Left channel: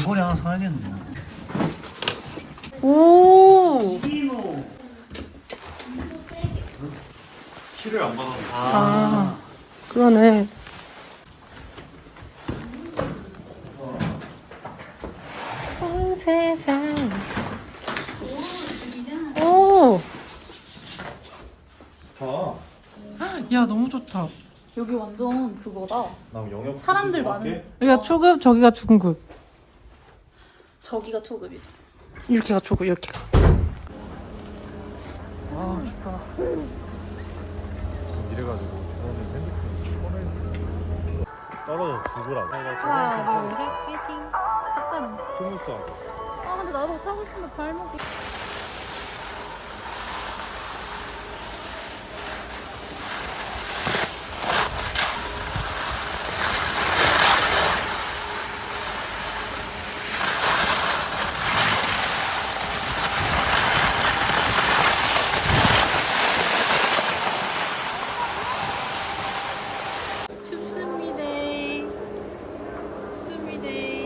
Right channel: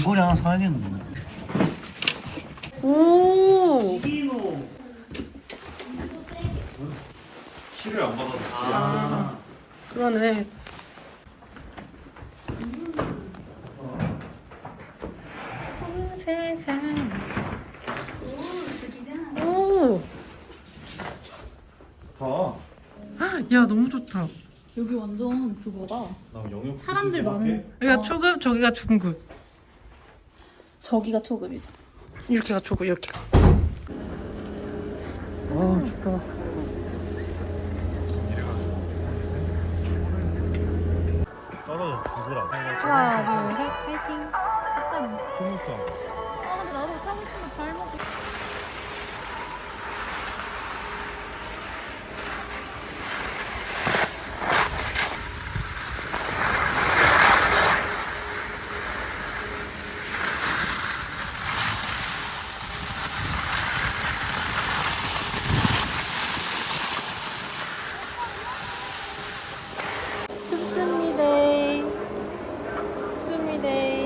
이거랑 사연이는 뭐? 오. 키를 안 받아서. 아, 그러네. 음. 세상. 오. 좋 아, 야 너무 좋다. 여기 완전 그거다. 나 영역. 사람들 많은. 야 초급 저기가 중급. 저기가 초급이죠. 이렇게가 초급, 이렇게가. 하나, 둘, 셋, 파이팅. 섞어 스무스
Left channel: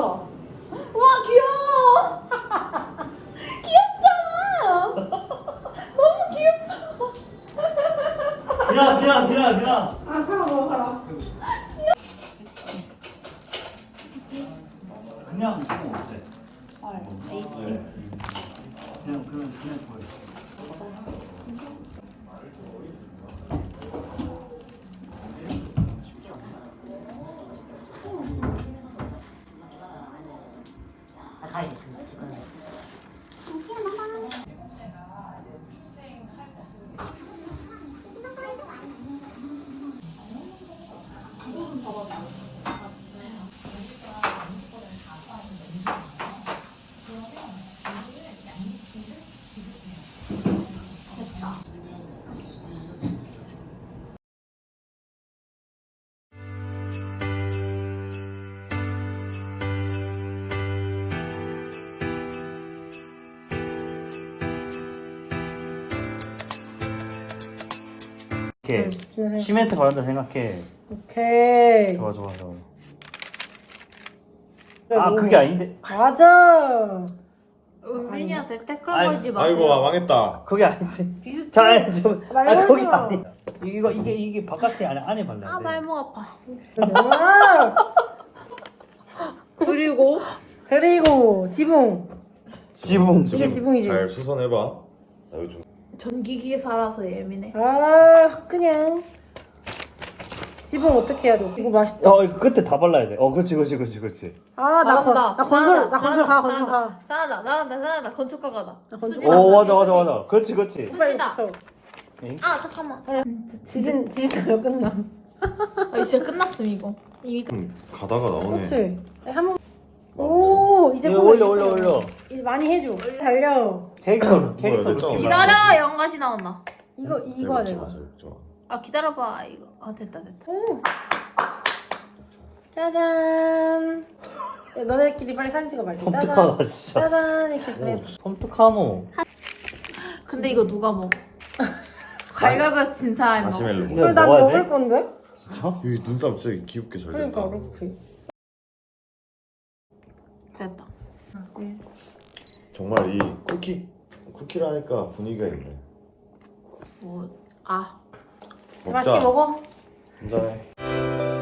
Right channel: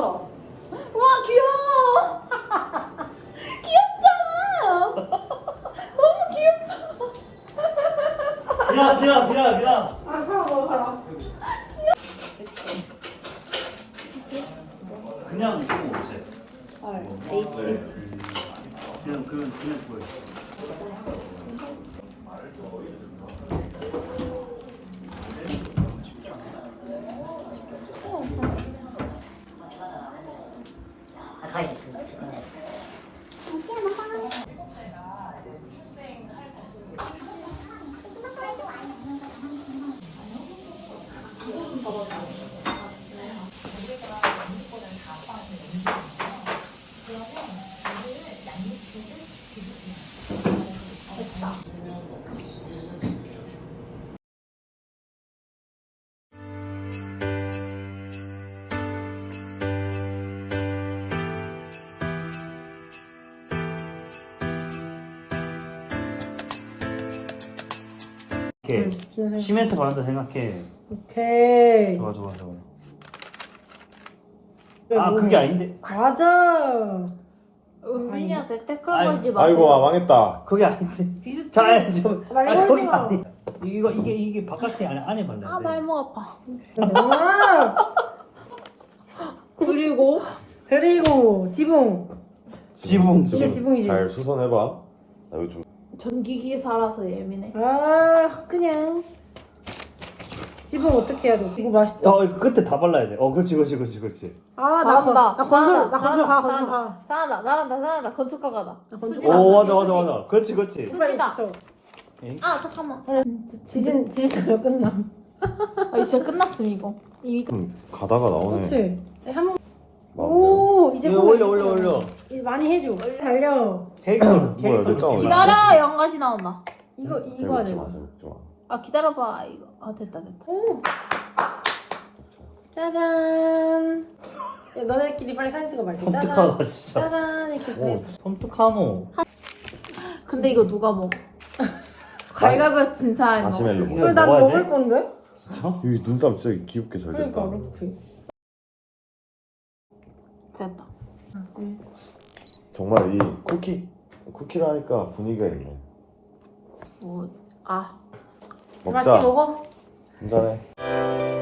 와 귀여워. 귀엽잖 너무 귀엽다. 귀야 귀야 귀야 귀야. 아 걸어 뭐걸 그냥 그거 어제. 오케이. 시멘트 바른다 생각해. 오케이. 좋아 좋아 좋아. 그리고, 아 그게 아닌데. 맞아. 은빈이테떼거지 응. 아이, 아이고 아, 망했다. 그게 아닌데. 비슷해. 아, 좀. 말, 아, 말 아니. 이거 이게 이게 바깥에 안 안에 발라. 아 만났는데. 말목 아파. 그리고 그리고 지붕. 지붕 지붕, 지붕. 지붕이지. 잘 수선해봐. 여기 좀. 전기기 살아서 예민해. 아 그냥 집은 어떻게 해야 돼? 이거 맛있다. 어 이거 끝에 다 발라야 돼. 어 그렇지 그렇지 그렇지 그렇지. 아나 건다. 나 건축 나 건축가 건축가. 나나 나란다 장란다 건축가가다. 수진 오 수지, 맞아 맞아 맞아. 수지. 그렇지 그렇지. 수진다. 아 잠깐만. 그래 지진 지진으로 끝나. 아 진짜 끝났음 이거. 이미 음, 가다가 나오네. 그렇지. 한 번. 오 이제 네, 올려 할게. 올려 올려, 이제 많이 해줘 달려 캐릭터 캐릭터 기다려 영가시 나왔나 응? 이거 이거 해야 돼아 아, 기다려봐 이거 아 됐다 됐다 응. 짜잔 야, 너네끼리 빨리 사진 찍어봐 섬뜩하다 짜잔. 진짜 짜잔 이렇게 해 섬뜩하노 근데 음. 이거 누가 먹어 갈가벗 진사 이거 난, 난 먹을 건데 진짜? 여 눈썹 진짜 귀엽게 잘 그러니까, 됐다 그 이렇게 응. 정말 이 쿠키 쿠키라 니까 분위기가 있네. 뭐아 응. 어, 맛있게 먹어.